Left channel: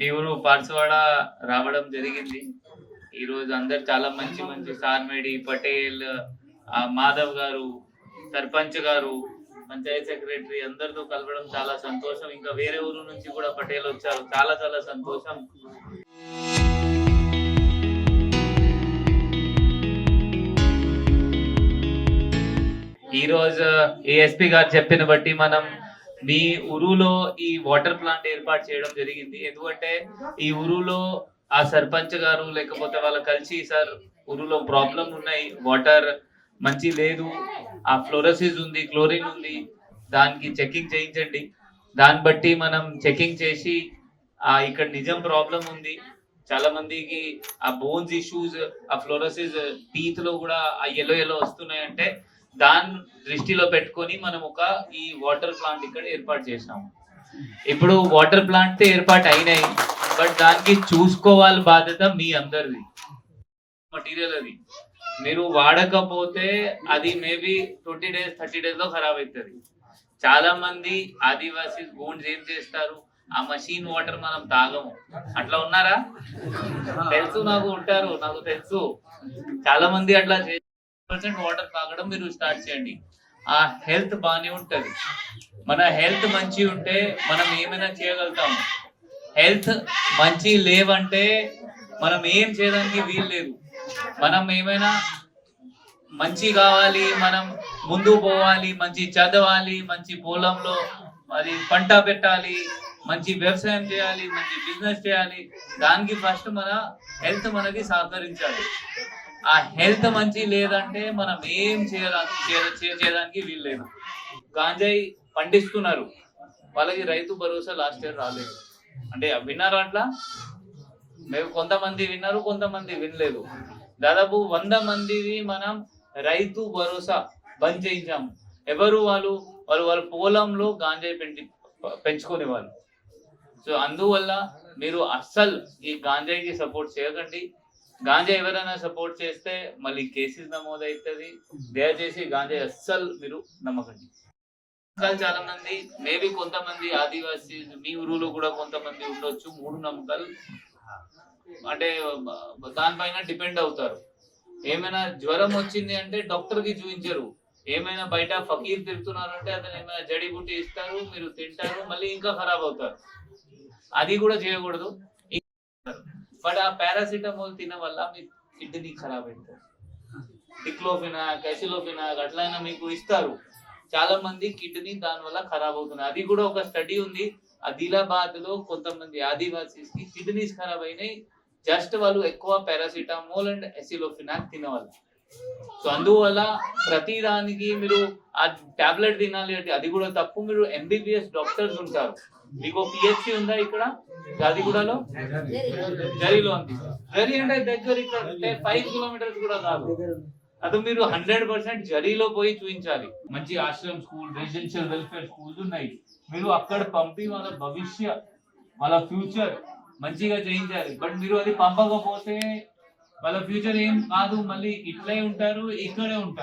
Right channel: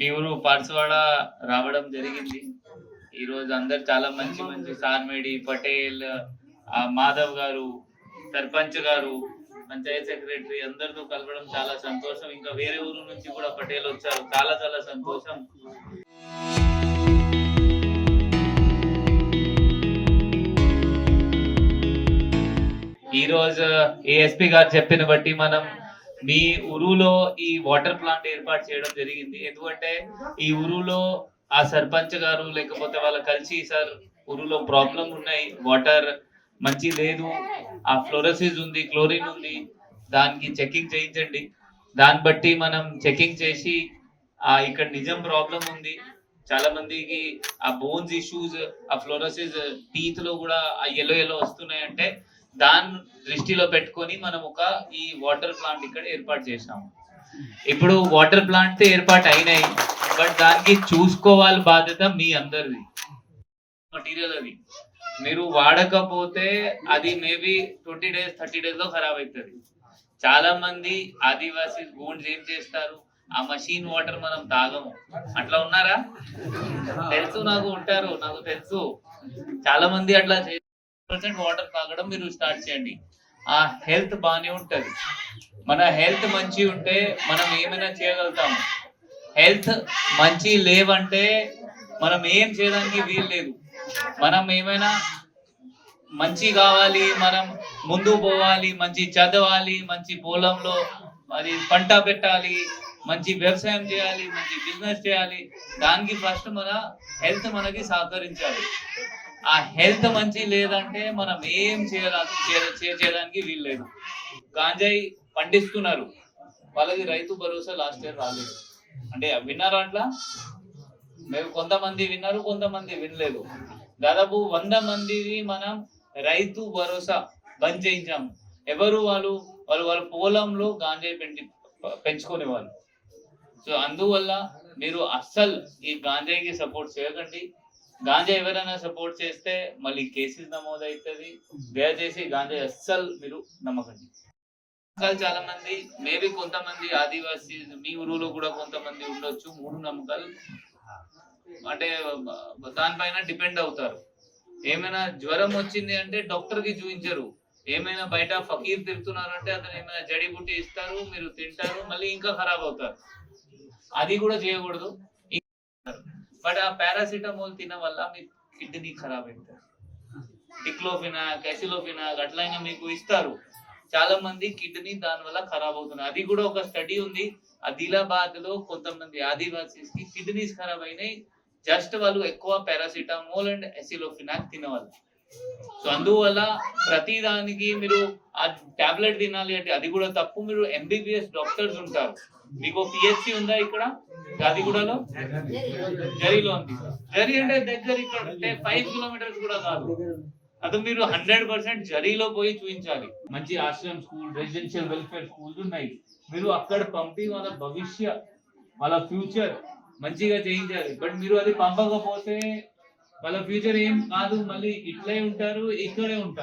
మీ ఊరు పార్సవాడ రావడం జరిగింది. ఈ రోజు అందరు చాలా మంచి మంచి సార్మేడి పటేల్, మాధవ్ గారు, సర్పంచ్ గారు, పంచాయత్ సెక్రటరీ అందరితో కలవడం చాలా సంతోషం. ఇంకా వేరే ఊరు నుంచి కూడా పటేల్ వచ్చారు, చాలా చాలా సంతోషం. ఈ రోజు ఏఎస్పీ గారు చెప్పిన బట్టి మనం మీ ఊరులో ఈ వాటర్ ప్లాంట్ ఏర్పాటు చేయడం జరిగింది. ఎందుకంటే ఈ ఊరులో ఆ సర్పంచ్ గారు లేకపోతే వాళ్ళు కలిసి సార్ ఊరులో ప్రాబ్లం ఉన్నాయి, వాటర్ మంచి లేదు, ఆ ఫ్లోరోసిస్ ఉంది, క్లోరిన్ ఉంది, దానికి చెకింగ్ చేయించండి. దాన్ని బట్టి మనం చెకింగ్ చేసి ఇక్కడ నిజం ప్రాబ్లం ఉంది, చాలా మందికి ఆ బోన్స్ ఇష్యూస్, ఆ ఫ్లోరోసిస్ టీత్ లో కూడా ఆ ఎల్లో వస్తున్నాయి అంటే దాన్ని దృష్టిలో పెట్టుకొని మనం ఈ వాటర్ ప్లాంట్ ఇక్కడ ఏర్పాటు చేసాము. ఇప్పుడు వాటర్ ప్లాంట్ ఏర్పాటు అయినాయి, బట్ దానికి చూసుకోవాలి బాధ్యత మీ అందరిది. మటీరియల్ అది మీరు వాడకపోతే అది మేబీ 20 days 30 days లో ఖరాబ్ అవుతుంది. చాలా మంది ఆదివాసీ గోండ్స్ ఏం చేస్తారు, ఆ మషిన్ వాటర్ మనం తాగము. అట్లా ఉన్నారా? తెలుసు, నాకు ఉంటారు, నాకు తెలుసు. చాలా మంది అట్లా వాటర్ తాగడం మీరు స్టార్ట్ చేయండి. ఆ హెల్త్ బాగానే ఉంటది. మన హెల్త్ మంచి ఉంటే మనం ఏమైనా చేయగలుగుతాము. హెల్త్ మంచి లేవంటే మనం ఏం చేయడానికి వీలు లేదు. మనం ఏమైనా మంచి కావాలి, మనం ముందు పోవాలి, మంచి చదవాలి, మంచి పొలంలో మరి పంట పెట్టాలి, మంచి వ్యవసాయం చేయాలి, మంచి బిజినెస్ చేయాలి. దానికి ఫస్ట్ మన హెల్త్ మనకి సహకరించాలి. ఆ హెల్త్ మంచి లేదంటే మనం ఏం చేయడానికి వీలు లేదు. గాంజాయి పండిస్తున్నారు, వాళ్ళకి రైతు భరోసా లాస్ట్ ఇయర్ రాలేదు. అంటే విన్నారు అట్లా? మేము కొంతమంది విన్నారు, కొంతమంది వినలేదు. దాదాపు 100 మందిని మనం రైతు భరోసా బంద్ చేయించాము. ఎవరు వాళ్ళు వాళ్ళ పొలంలో గాంజాయి పెంచుకునే వాళ్ళు. సో అందువల్ల మీరు అస్సలు ఈ గాంజాయికి సపోర్ట్ చేయకండి. గాంజా ఎవరైనా సపోర్ట్ చేస్తే మళ్ళీ కేసెస్ నమోదవుతుంది. దయచేసి గాంజా అస్సలు మీరు నమ్మకండి. చాలా మంది మేబీ కొంతమంది ఆదివాసీ మీ ఊరులో కూడా కొంతమంది ఉండొచ్చు, మూఢనమ్మకాలు అంటే దానిపైన డిపెండ్ అవుతారు. ఏమైనా జ్వరం వచ్చింది అంటే డాక్టర్ కి చూపించరు. ఏమైనా బయట ఫకీర్ తిరుగుతున్నారు అంటే అతను ఏమైనా జడీబుట్టి ఇస్తారు, మీరు తింటారు, మళ్ళీ ఇంకా ఖరాబ్ అవుతారు. అది కూడా చేయకూడదు. బట్ ఆ పారాసిటమాల్ తిన వల్ల మీ కిడ్నీ ఖరాబ్ అవుతుంది. డిక్లోఫినాక్, ఎసిలోఫినాక్ అట్లయినా మీకు ఇస్తారు. చాలా మంది కిడ్నీ దాని వల్ల ఖరాబ్ అవుతుంది. అది కూడా ఒక స్టడీ ఉంది. ఆదిలాబాద్ లో కొంతమంది ఆదివాసీస్ కి కిడ్నీస్ ఖరాబ్ అయినాయి, జస్ట్ వాళ్ళు ఎక్కువ పారాసిటమాల్ అండ్ ఎసిలోఫినాక్ తినేవాళ్ళు. సో అందువల్ల ప్రతి దానికి మీరు ఆ టాబ్లెట్ తినాలి అంటే అది కూడా తప్పు. మీరు ఎంబీబీఎస్ డాక్టర్స్ ఉంటారు. మీకు పిహెచ్సి ఉందా ఇక్కడ గాదిగూడలో? జరిలో ఉంది. జరి అంటే దగ్గర, ఇక్కడ 5 kilometers కూడా కాదు. అది మీరు 100% జరీలో పోయి చూపించాలి. మంచి Ashram school, residential welfare schools ఉన్నాయి. మీరు అక్కడ పంపి వాళ్ళ భవిష్య, వాళ్ళ ఫ్యూచర్ మంచిగా చేయించాలి. బట్ మీరు అది పంపకపోతే వాళ్ళ ఫ్యూచర్ ఏం కాదు, మళ్ళీ ఇట్లే ఉంటారు, ఇక్కడే ఉంటారు.